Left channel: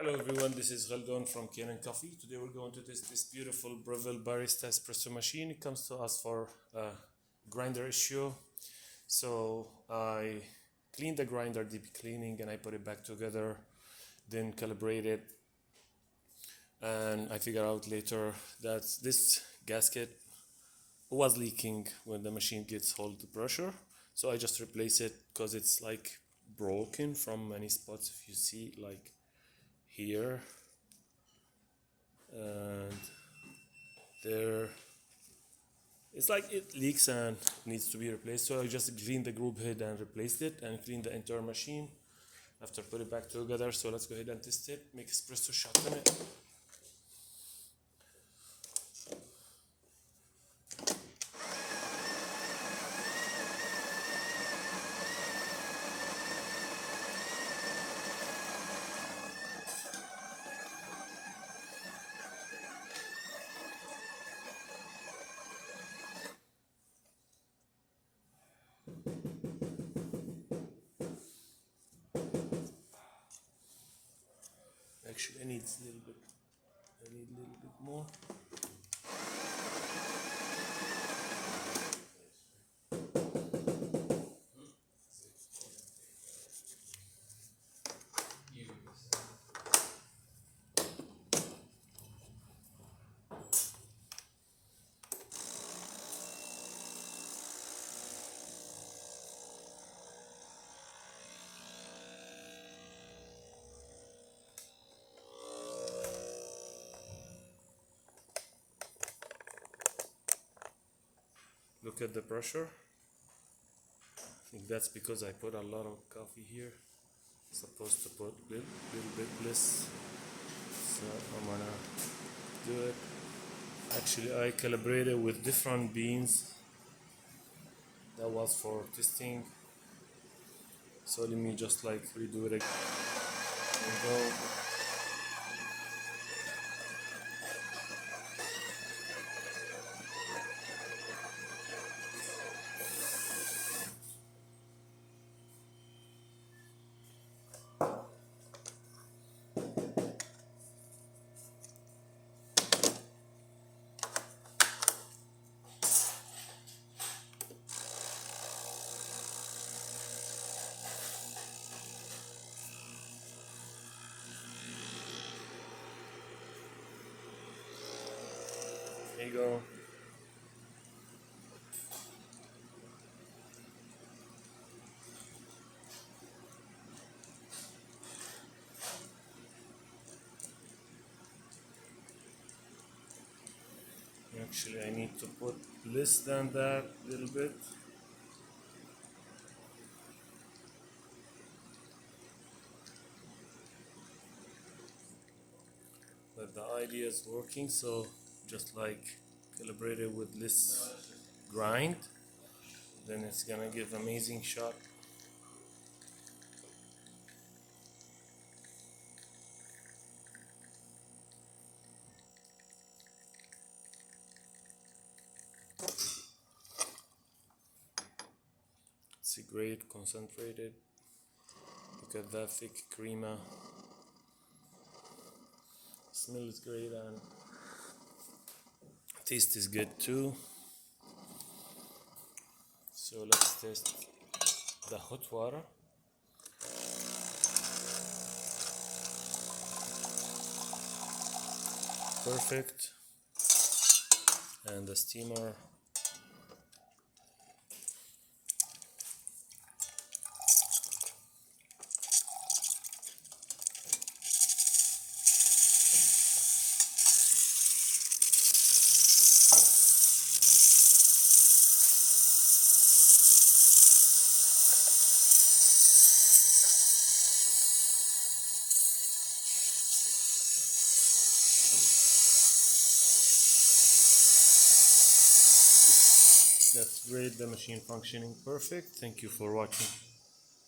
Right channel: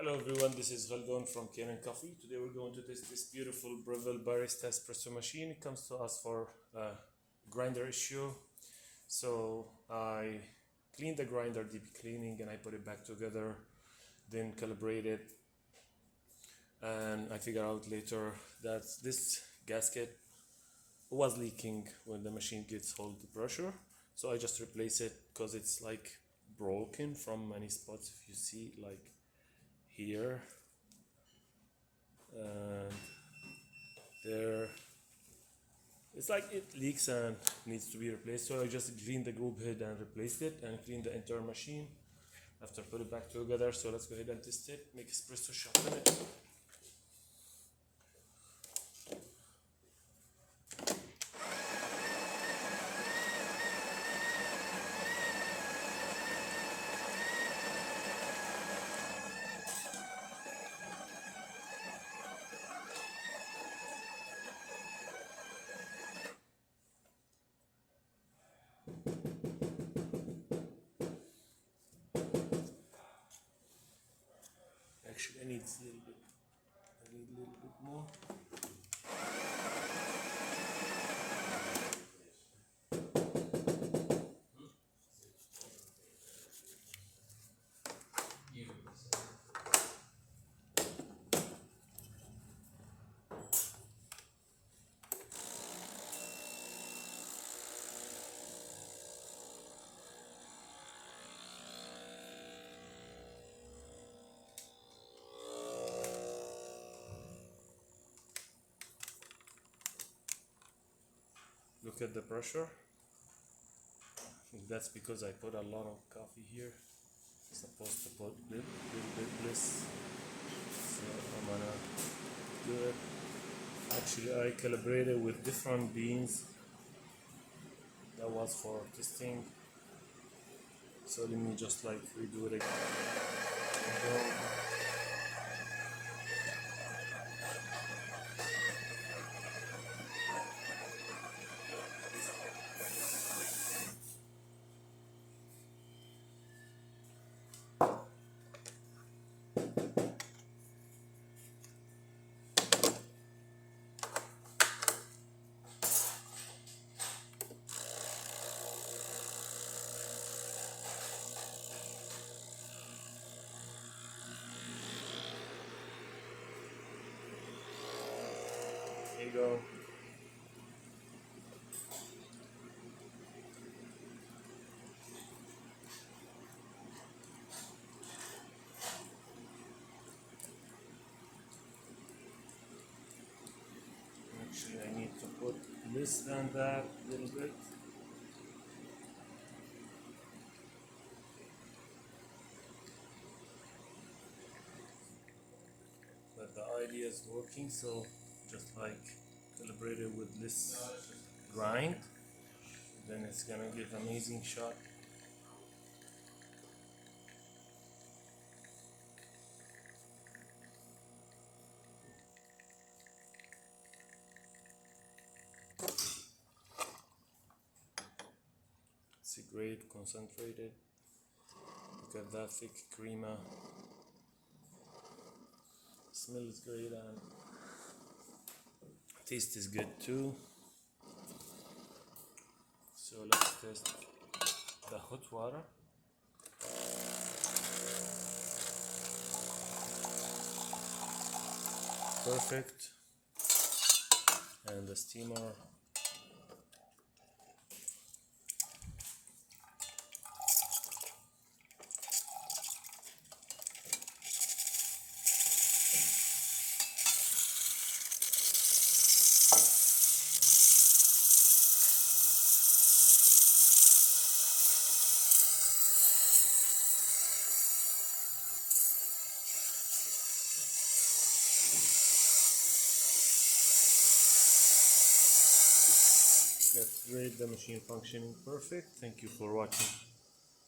Hello everyone, this is Khaldun from Kanen Coffee. Today we're going to test this beautiful Breville Barista espresso machine. It comes to us for a grinder issue. So I cleaned the grinder, deep cleaning, and I put it back together, then calibrated. And I figured out later that this gasket was leaking when the machine gets hold the pressure. So I just replace it because it's like broken from many spots. If you see, like here and there, it's like it leaks and needs to be replaced. So I just cleaned the group head and replaced it, and cleaned the entire machine after put it back together. So let's go ahead and test it, make espresso shot in it. Actually, I need a little bit. I need a little bit more. Look at the pressure. I think that's because I put a lot of coffee here. Supposed to put a little bit less. So I'm gonna do it. Actually, I calibrated with different beans. That was for testing. So let me just like redo it again. There you go. Actually, I need to put less than that a little bit. But the idea is working, so just like calibrate it with less grind, then it's gonna give amazing shot. It's a great concentrated. Look at that thick crema. Smells great and taste is good too. So let's test the hot water. Perfect. And the steamer. That's great, the machine functioning perfect. Thank you for watching.